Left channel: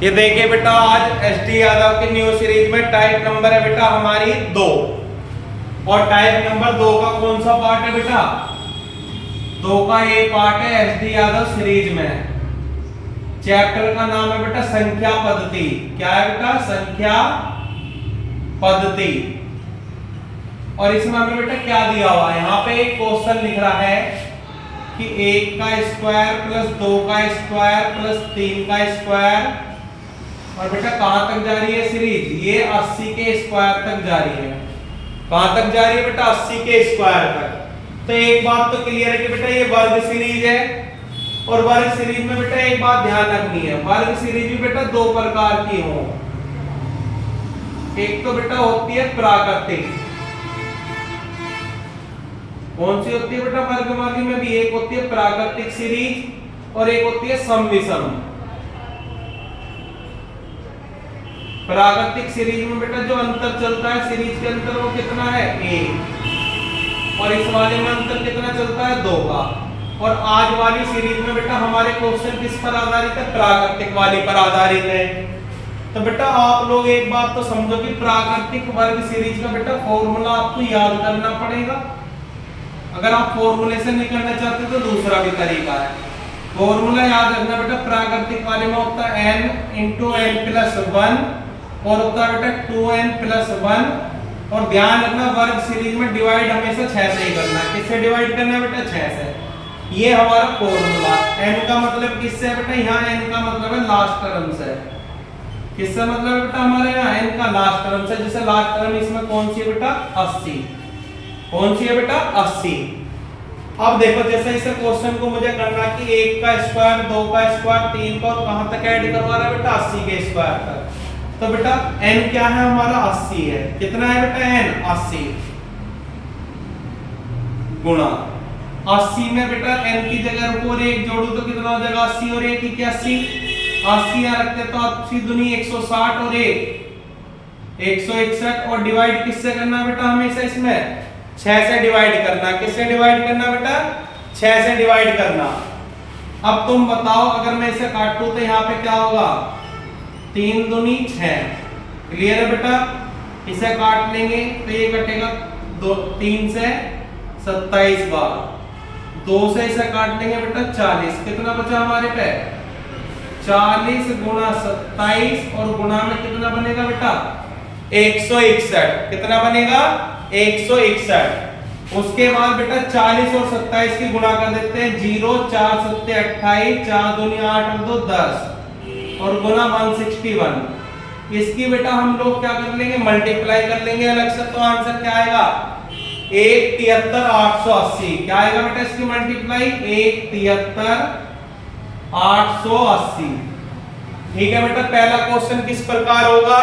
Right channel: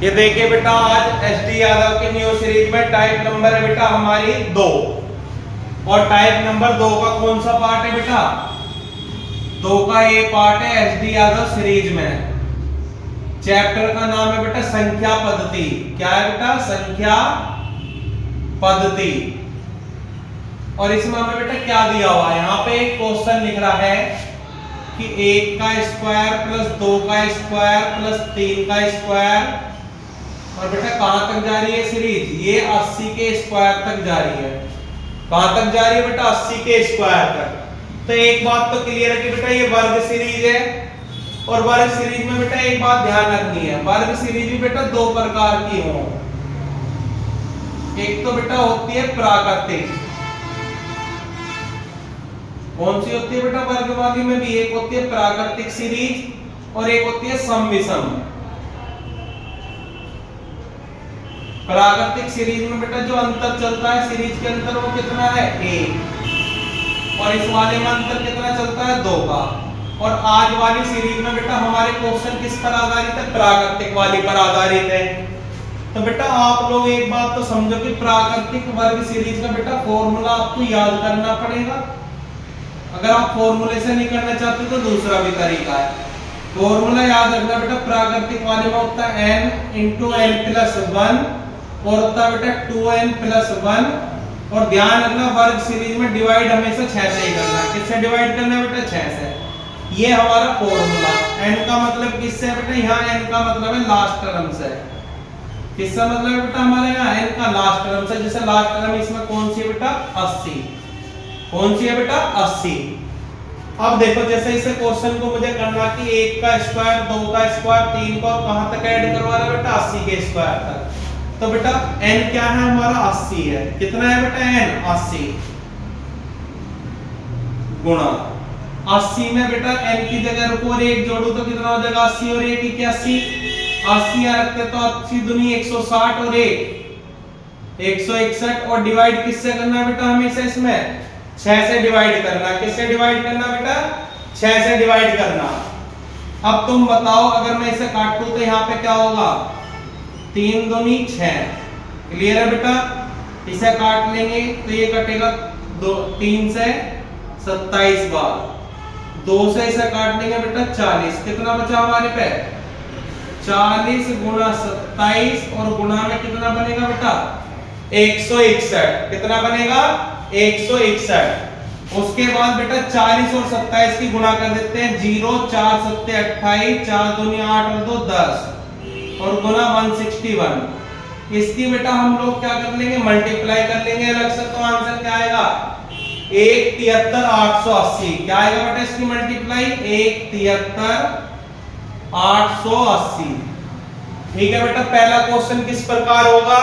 ये देखिए बेटा, आज एसटी यादव के न्यू सीरीज में टाइप नंबर है बेटा हमारी 2। और टाइप नंबर 2 का कौन सा पार्ट है बेटा? 2 का ये पार्ट है एसटी यादव सीरीज में। चैप्टर का नाम है बेटा संख्या पद्धति। क्या है बेटा? संख्या पद्धति। और इसमें हमें बेटा क्या दिया हुआ है? यहाँ पे एक क्वेश्चन लिख रहा है कि 1 का स्क्वायर प्लस 2 का स्क्वायर प्लस 3 का स्क्वायर। और बेटा कहां तक जा रही है सीरीज? ये 80 के स्क्वायर तक जा रही है। कहां तक जा रही है बेटा? 80 के स्क्वायर तक। तो एक बात तो क्लियर है कि बेटा ये वर्ग सीरीज है। और वर्ग सीरीज में बेटा एक बात ध्यान रखनी है, वर्ग सीरीज भी बेटा 2 प्रकार की हो। एक तो बेटा होती है प्राकृतिक। कौन सी होती है बेटा वर्गवादी में भी? एक होती है प्राकृतिक सीरीज और एक होती है सम विषम। प्राकृतिक सीरीज में बेटा जो अंतर चलता है सीरीज के अंदर वो कितना है? 1। और इस वाले में अंतर कितना चलता है? 2 का। और आज वाली सीरीज में बेटा हमारे क्वेश्चन किस पर आधारित है? प्राकृतिक वाली पर आधारित है। तो बेटा आप लोग एक बात तो समझो कि प्राकृतिक वर्ग सीरीज का बेटा फॉर्मूला आपको याद करना पड़ेगा। अगर आप फॉर्मूले से नहीं करना चाहते तो दूसरा भी तरीका है। फॉर्मूला याद रखना बेटा, प्राकृतिक वाले में होता है n × n+1 और होता है बेटा 2n+1। और ध्यान रखना वर्ग सीरीज में डिवाइड हमेशा 6 से ही करना है। किससे डिवाइड करना है बेटा? 6 से। ये हमारा फॉर्मूला। n का मतलब किससे है बेटा? यहाँ n का मतलब है लास्ट टर्म से। किससे मतलब है बेटा हमारे यहाँ? n का लास्ट टर्म से। जैसे लास्ट टर्म इसमें कौन सी है बेटा? 80। कौन सी है बेटा? 80। अब देखो जैसे इसे क्वेश्चन को मुझे करना कि 1 का स्क्वायर 2 का स्क्वायर 3 का, और कहां तक ऐड करवा रहा है बेटा? 80 के स्क्वायर तक। तो बेटा n क्या है हमारा? 80 है। कितना है बेटा? n 80 गुणा 80 में बेटा n की जगह रुको और 1 जोड़ू तो कितना हो जाएगा? 80 और 1 81। 80 यहाँ रखते तो 80 दूनी 160 और 1 161। और डिवाइड किससे करना बेटा? हमेशा इसमें 6 से डिवाइड करना। किससे डिवाइड करना बेटा? 6 से डिवाइड करना। अब तुम बताओ अगर मैं इसे काटूं तो यहाँ पे क्या होगा? 3 दूनी 6। क्लियर है बेटा? इसे काट लेंगे तो ये कटेगा 3 से 27 बार। 2 से इसे काट लेंगे बेटा 40। कितना बचा हमारे पे? 40 गुणा 27 और गुणा में कितना बनेगा बेटा? 161। कितना बनेगा? 161। उसके बाद बेटा 40 और 27 की गुणा कर देते हैं। 0 4 7 28 4 दूनी 8 और 2 10 और गुणा 161। इसकी बेटा हम लोग क्या कर लेंगे? मल्टीप्लाई कर लेंगे अलग से। तो आंसर क्या आएगा? 173,880। क्या आएगा बेटा इसकी मल्टीप्लाई? 173,880। ठीक है बेटा, पहला क्वेश्चन किस प्रकार होगा?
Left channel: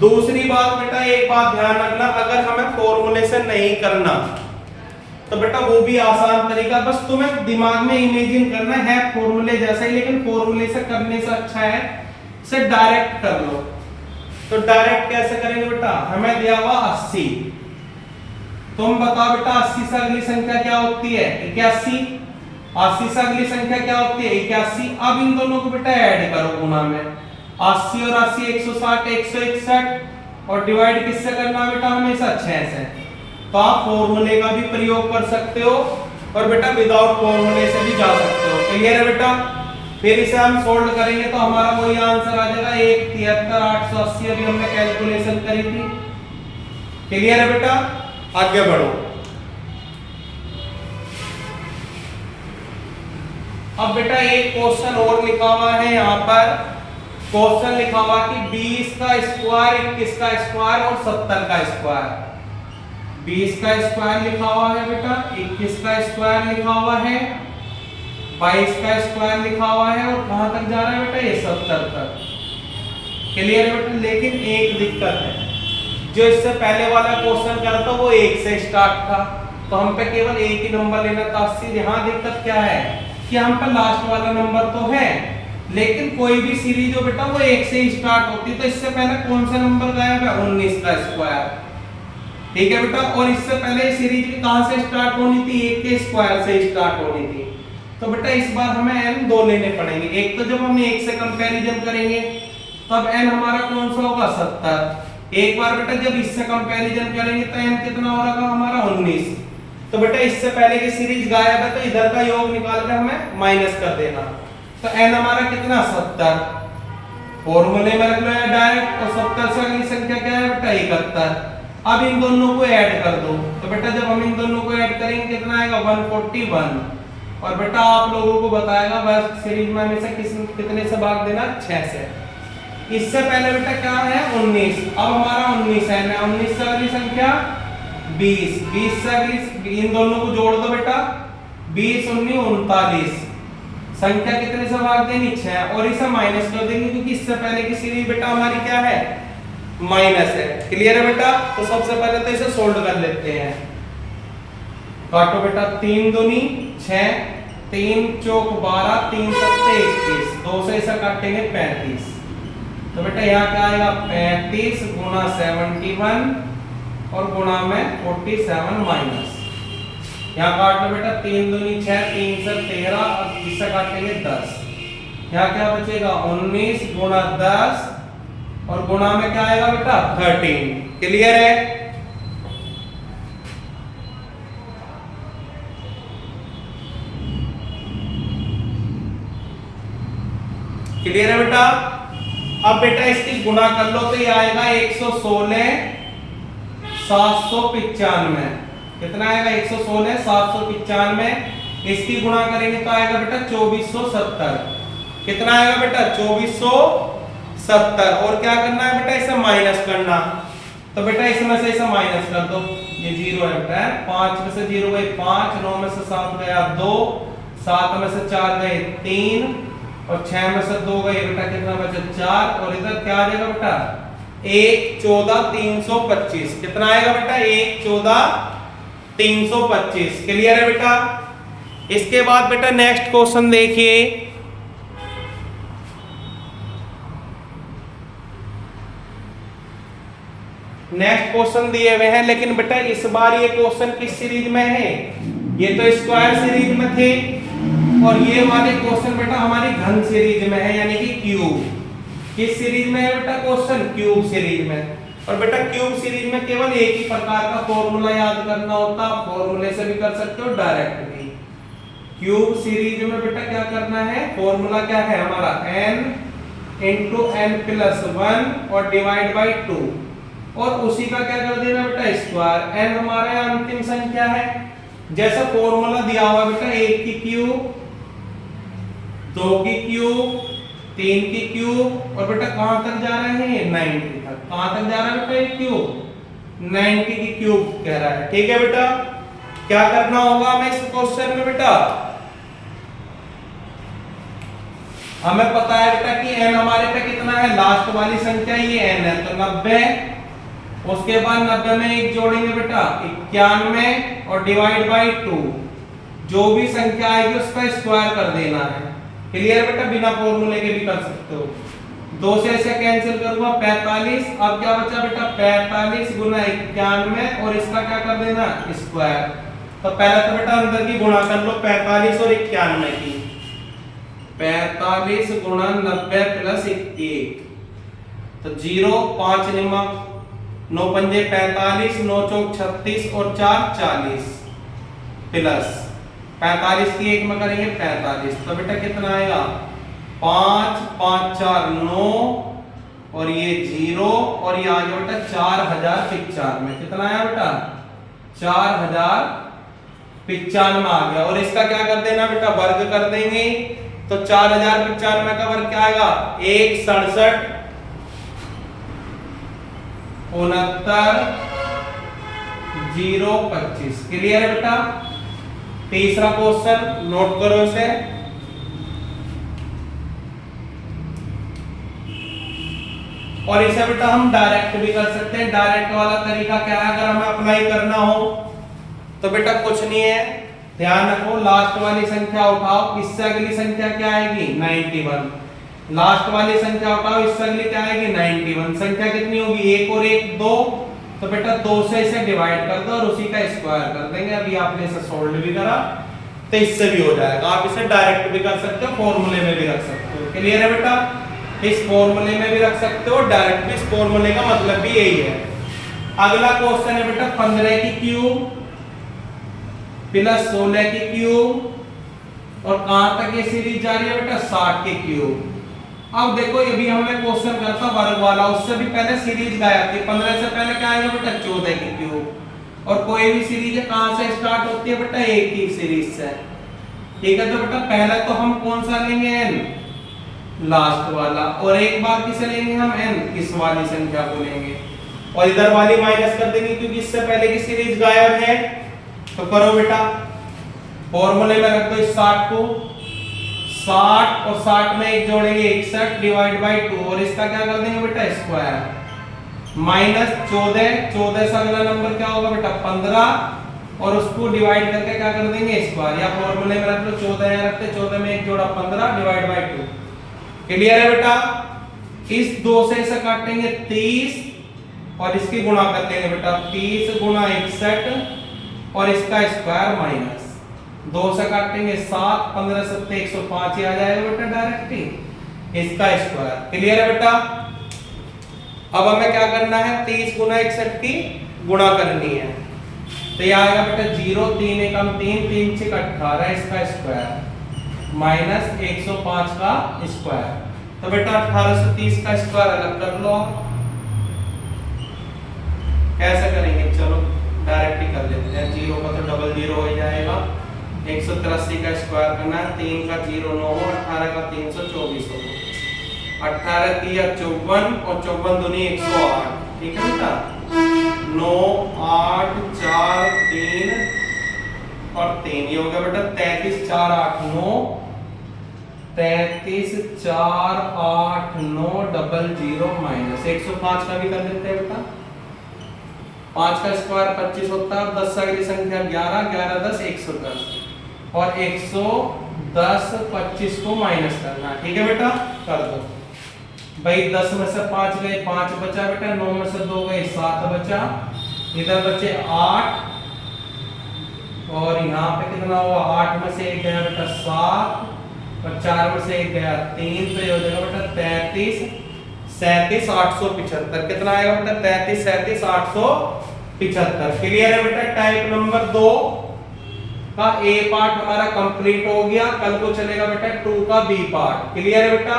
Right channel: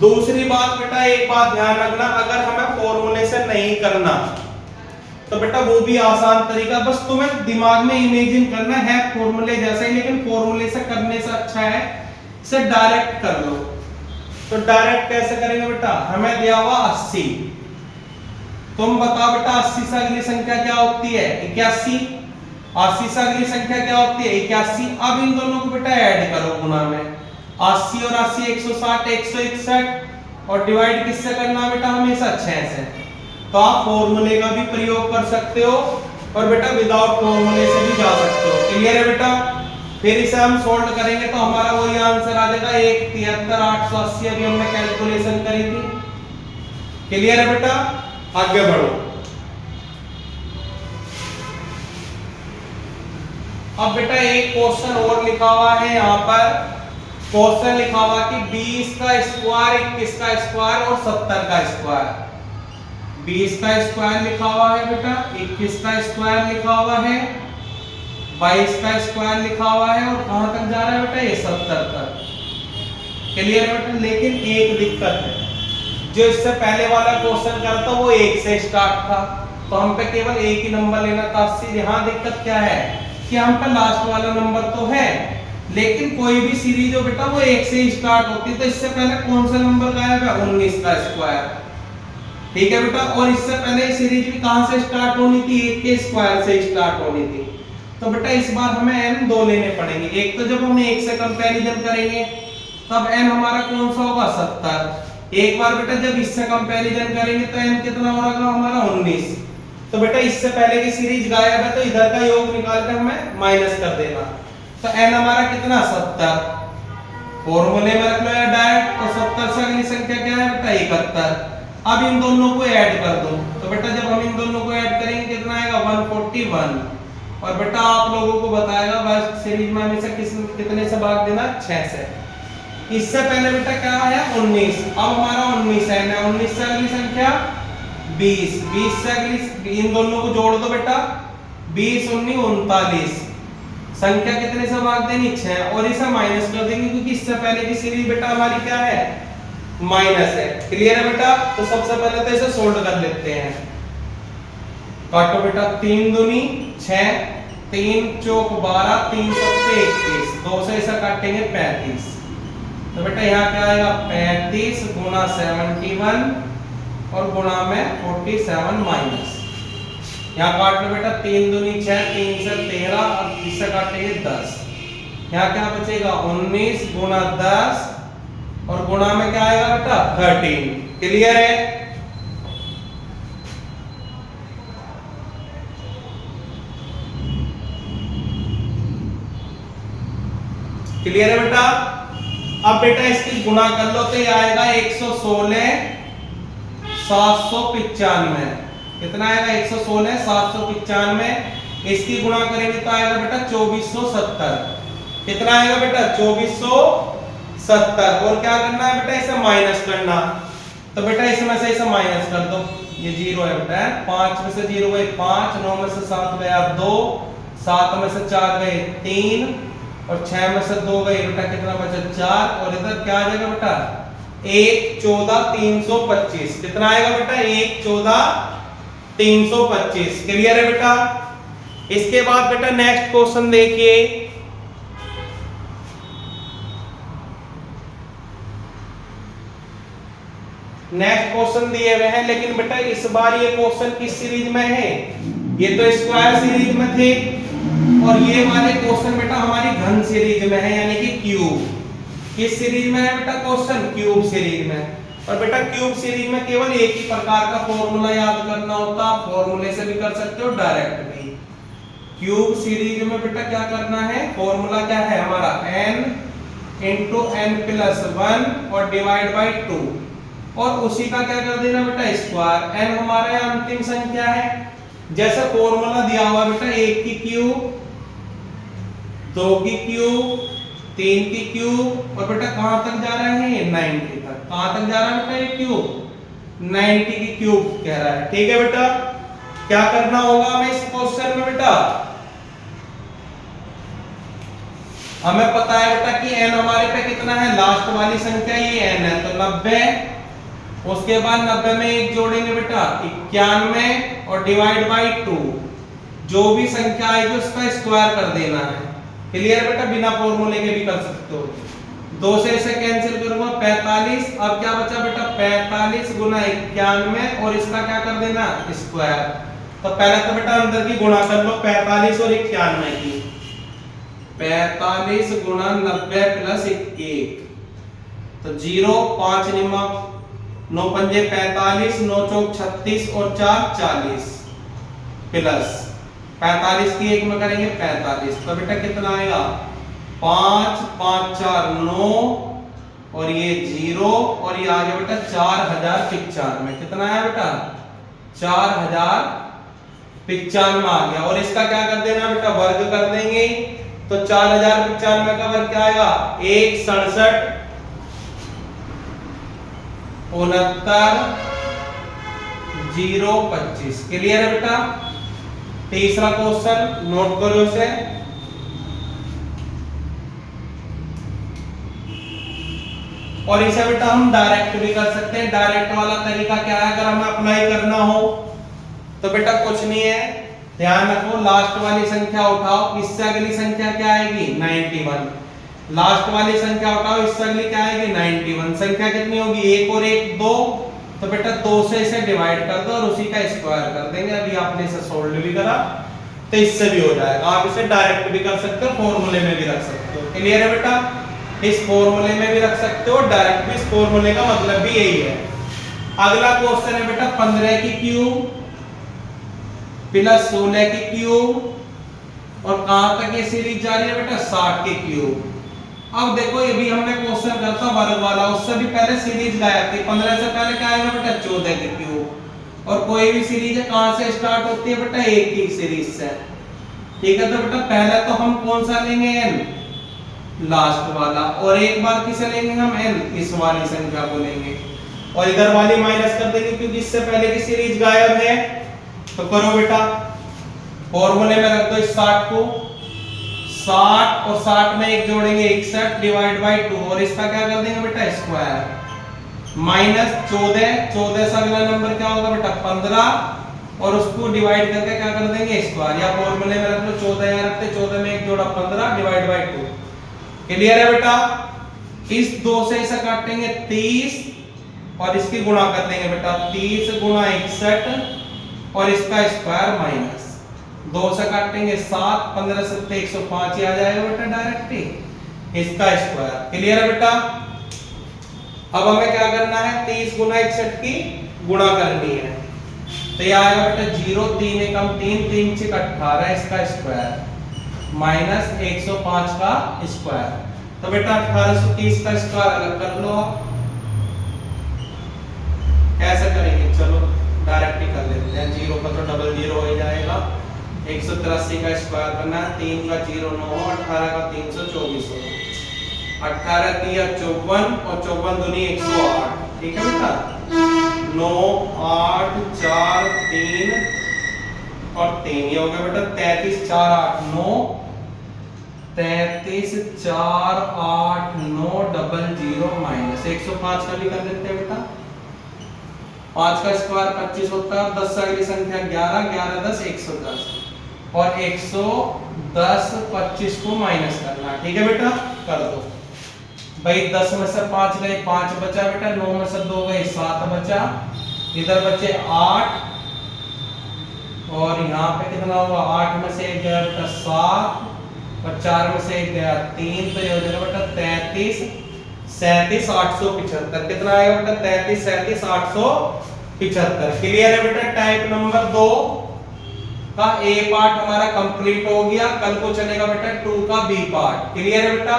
दूसरी बात बेटा एक बात ध्यान रखना, अगर हमें फॉर्मूले से नहीं करना तो बेटा वो भी आसान तरीका, बस तुम्हें दिमाग में इमेजिन करना है फॉर्मूले जैसा ही, लेकिन फॉर्मूले से करने से अच्छा है इसे डायरेक्ट कर लो। तो डायरेक्ट कैसे करेंगे बेटा? हमें दिया हुआ 80। तुम बताओ बेटा 80 से अगली संख्या क्या होती है? 81। 80 से अगली संख्या क्या होती है? 81। अब इन दोनों को बेटा ऐड करो गुणा में। 80 और 80 160 161। और डिवाइड किससे करना बेटा? हमेशा 6 से। तो आप फॉर्मूले का भी प्रयोग कर सकते हो और बेटा विदाउट फॉर्मूले से भी जा सकते हो। क्लियर है बेटा? फिर इसे हम सोल्व करेंगे तो हमारा वही आंसर आ जाएगा 173,880। अभी हमने कैलकुलेशन करी थी। क्लियर है बेटा? आगे बढ़ो। अब बेटा एक क्वेश्चन और लिखा हुआ है यहाँ पर। क्वेश्चन लिखा हुआ कि 20 का स्क्वायर 21 का स्क्वायर और 70 का स्क्वायर। 20 का स्क्वायर लिखा हुआ है बेटा, 21 का स्क्वायर लिखा हुआ है, 22 का स्क्वायर लिखा हुआ है और कहां तक जा रहा है बेटा? ये 70 तक। क्लियर है बेटा? लेकिन एक दिक्कत है, जो इससे पहले वाला क्वेश्चन करा था वो 1 से स्टार्ट था, तो हम पे केवल एक ही नंबर लेना था 80। यहाँ दिक्कत क्या है कि हम पे लास्ट वाला नंबर तो है, लेकिन कोई भी सीरीज हो बेटा वो 1 से स्टार्ट होती है। तो इससे पहले कौन सा नंबर गायब है? 19 का स्क्वायर। ठीक है बेटा? और इससे पहले सीरीज भी कहां से स्टार्ट होनी थी? 1 के स्क्वायर से स्टार्ट होनी थी। तो बेटा इस बार हमें n दो लेने पड़ेंगे। एक तो जब हम 1 से कंपैरिजन करेंगे तब n हमारा कौन सा होगा 70। एक बार बेटा जब इससे कंपैरिजन करेंगे तो n कितना होगा हमारा 19। तो बेटा इससे पहले की सीरीज गायब है तो इधर का योग निकाल के हमें माइनस कर देना। तो n हमारा कितना 70, फॉर्मूले में रख लो या डायरेक्ट। और 70 से अगली संख्या क्या है बेटा 71। अब इन दोनों को ऐड कर दो। तो बेटा जब हम इन दोनों को ऐड करेंगे कितना आएगा 141। और बेटा आप लोगों को बताएगा बस सीरीज में हमेशा कितने से भाग देना 6 से। इससे पहले बेटा क्या है 19, अब हमारा 19 है ना। 19 से अगली संख्या 20, 20 से अगली, इन दोनों को जोड़ दो बेटा 20 19 39। संख्या कितने से भाग देनी 6 और इसे माइनस कर देंगे क्योंकि इससे पहले की सीरीज बेटा हमारी क्या है माइनस है। क्लियर है बेटा। तो सबसे पहले तो इसे सोल्व कर लेते हैं। काटो बेटा 3 दूनी 6, 3 चौक 12, 3 सत्ते 21, 2 से इसे काटेंगे 35। तो बेटा यहाँ क्या आएगा 35 गुना 71 और गुणा में 47 माइनस। यहाँ काट लो बेटा 3 दूनी 6, 3 से 13, अब इससे काटेंगे 10। यहाँ क्या बचेगा 19 गुना 10 और गुणा में क्या आएगा बेटा 13। क्लियर है। क्लियर है बेटा। अब बेटा इसकी गुणा कर लो तो ये आएगा 116 795। कितना आएगा 116 795। इसकी गुणा करेंगे तो आएगा बेटा 2470। कितना आएगा बेटा 2470। और क्या करना है बेटा इसे माइनस करना। तो बेटा इसमें से इसे माइनस कर दो। ये 0 है बेटा, 5 में से 0 गए 5, 9 में से 7 गया 2, 7 में से 4 गए 3 और 6 में से 2 गए बेटा कितना बचा 4। और इधर क्या आ जाएगा बेटा 1 14 325। कितना आएगा बेटा 1 14 325। क्लियर है बेटा। इसके बाद बेटा नेक्स्ट क्वेश्चन देखिए। नेक्स्ट क्वेश्चन दिए हुए हैं लेकिन बेटा इस बार ये क्वेश्चन किस सीरीज में है, ये तो स्क्वायर सीरीज में थे और ये वाले क्वेश्चन बेटा हमारी घन सीरीज में है यानी कि क्यूब। किस सीरीज में है बेटा क्वेश्चन क्यूब सीरीज में। और बेटा क्यूब सीरीज में केवल एक ही प्रकार का फॉर्मूला याद करना होता, फॉर्मूले से भी कर सकते हो डायरेक्ट भी। क्यूब सीरीज में बेटा क्या करना है, फॉर्मूला क्या है हमारा n इंटू n प्लस 1 और डिवाइड बाई 2 और उसी का क्या कर देना बेटा स्क्वायर। n हमारा अंतिम संख्या है जैसा फॉर्मूला दिया हुआ बेटा 1 की क्यूब 2 की क्यूब 3 की क्यूब और बेटा कहां तक जा रहे हैं 90 तक। कहां तक जा रहा है बेटा ये क्यूब 90 की क्यूब कह रहा है। ठीक है बेटा। क्या करना होगा हमें इस क्वेश्चन में बेटा, हमें पता है बेटा कि n हमारे पे कितना है, लास्ट वाली संख्या ये n है तो 90। उसके बाद 90 में एक जोड़ेंगे बेटा 91 और डिवाइड बाई 2। जो भी संख्या आएगी उसका स्क्वायर कर देना है। क्लियर बेटा। बिना फॉर्मूले के भी कर सकते हो। 2 से इसे कैंसिल करूंगा 45। अब क्या बचा बेटा 45 गुना 91 और इसका क्या कर देना स्क्वायर। तो पहले तो बेटा अंदर की गुणा कर लो 45 और 91 की। 45 गुना 90 प्लस 1 तो 0 5 निमा 9 पंजे 45 9 चौक 36 और 4 40 प्लस 45 की 1 में करेंगे 45। तो बेटा कितना आएगा 5 5 4 9 और ये 0 और ये आ जाएगा बेटा 4095। कितना आया बेटा 4095 आ गया। और इसका क्या कर देना बेटा वर्ग कर देंगे तो 4095 का वर्ग क्या आएगा 167 69 025। क्लियर है बेटा। तीसरा क्वेश्चन नोट करो इसे। और इसे बेटा हम डायरेक्ट भी कर सकते हैं। डायरेक्ट वाला तरीका क्या है अगर हमें अप्लाई करना हो तो बेटा कुछ नहीं है, ध्यान रखो लास्ट वाली संख्या उठाओ, इससे अगली संख्या क्या आएगी 91। लास्ट वाली संख्या उठाओ, इससे अगली क्या आएगी 91। संख्या कितनी होगी 1 और 1 2। तो बेटा 2 से इसे डिवाइड कर दो और उसी का स्क्वायर कर देंगे। अभी आपने इसे सोल्व भी करा। तो तो इससे भी हो जाएगा। आप इसे डायरेक्ट भी कर सकते हो, फॉर्मूले में भी रख सकते हो। क्लियर है बेटा? इस फॉर्मूले में भी रख सकते हो, डायरेक्ट भी। इस फॉर्मूले का मतलब भी यही है। अगला क्वेश्चन है बेटा 15 की क्यूब प्लस 16 की क्यूब, और कहां तक ये सीरीज जा रही है बेटा? 60 के क्यूब। अब देखो ये भी हमें क्वेश्चन करता वर्ग वाला, उससे भी पहले सीरीज गायब थी। 15 से पहले क्या आएगा बेटा? 14 के क्यूब। और कोई भी सीरीज कहां से स्टार्ट होती है बेटा? एक ही सीरीज से। ठीक है, तो बेटा पहला तो हम कौन सा लेंगे? n, लास्ट वाला। और एक बार किसे लेंगे हम? n, इस वाली संख्या को लेंगे, और इधर वाली माइनस कर देंगे क्योंकि इससे पहले की सीरीज गायब है। तो करो बेटा, फॉर्मूले में रख दो इस 60 को। 60 और 60 में एक जोड़ेंगे 61 डिवाइड बाय 2, और इसका क्या कर देंगे बेटा? स्क्वायर। माइनस 14 से अगला नंबर क्या होगा बेटा? 15, और उसको डिवाइड करके क्या कर देंगे? स्क्वायर। या फॉर्मूले में रख लो 14, यहाँ रखते 14 में एक जोड़ा 15 डिवाइड बाय 2। क्लियर है बेटा? इस 2 से इसे काटेंगे 30, और इसकी गुणा कर देंगे बेटा 30 गुणा 61, और इसका स्क्वायर माइनस 2 से काटेंगे 7, 15 से 105 ही आ जाएगा बेटा डायरेक्ट ही, इसका स्क्वायर। क्लियर है बेटा? अब हमें क्या करना है? 30 गुना 61 की गुणा करनी है। तो ये आएगा बेटा 0, 3 एकम 3, 3 6 18, इसका स्क्वायर माइनस 105 का स्क्वायर। तो बेटा 1830 का स्क्वायर अलग कर लो आप। कैसे करेंगे? चलो डायरेक्ट ही कर लेते हैं। 0 का तो डबल 0 हो जाएगा। 183 का स्क्वायर करना है। 3 का 0 9 हो, 18 का 324 हो। 18 3 54, और 54 दूनी 108। ठीक है बेटा? 9 8 4 3 और 3, ये हो गया बेटा 33 4 8 9, 33 4 8 9 डबल 0 माइनस 105 का भी कर देते हैं बेटा। 5 का स्क्वायर 25 होता है, 10 से अगली संख्या 11, 11 10 110, और 110 25 को माइनस करना है। ठीक है बेटा? कर दो भाई। 10 में से 5 गए 5 बचा बेटा, 9 में से 2 गए 7 बचा, इधर बचे 8, और यहाँ पे कितना हुआ? 8 में से 1 गया बेटा 7, और 4 में से 1 गया 3, तो ये हो जाएगा बेटा 33 37 875। कितना आएगा बेटा? 33 37 875। क्लियर है बेटा? टाइप नंबर 2 का ए पार्ट हमारा कंप्लीट हो गया। कल को चलेगा बेटा 2 का बी पार्ट। क्लियर है बेटा?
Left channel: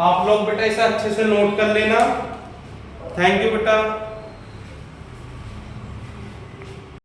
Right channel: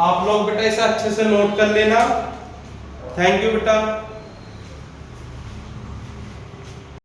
आप लोग बेटा इसे अच्छे से नोट कर लेना। थैंक यू बेटा।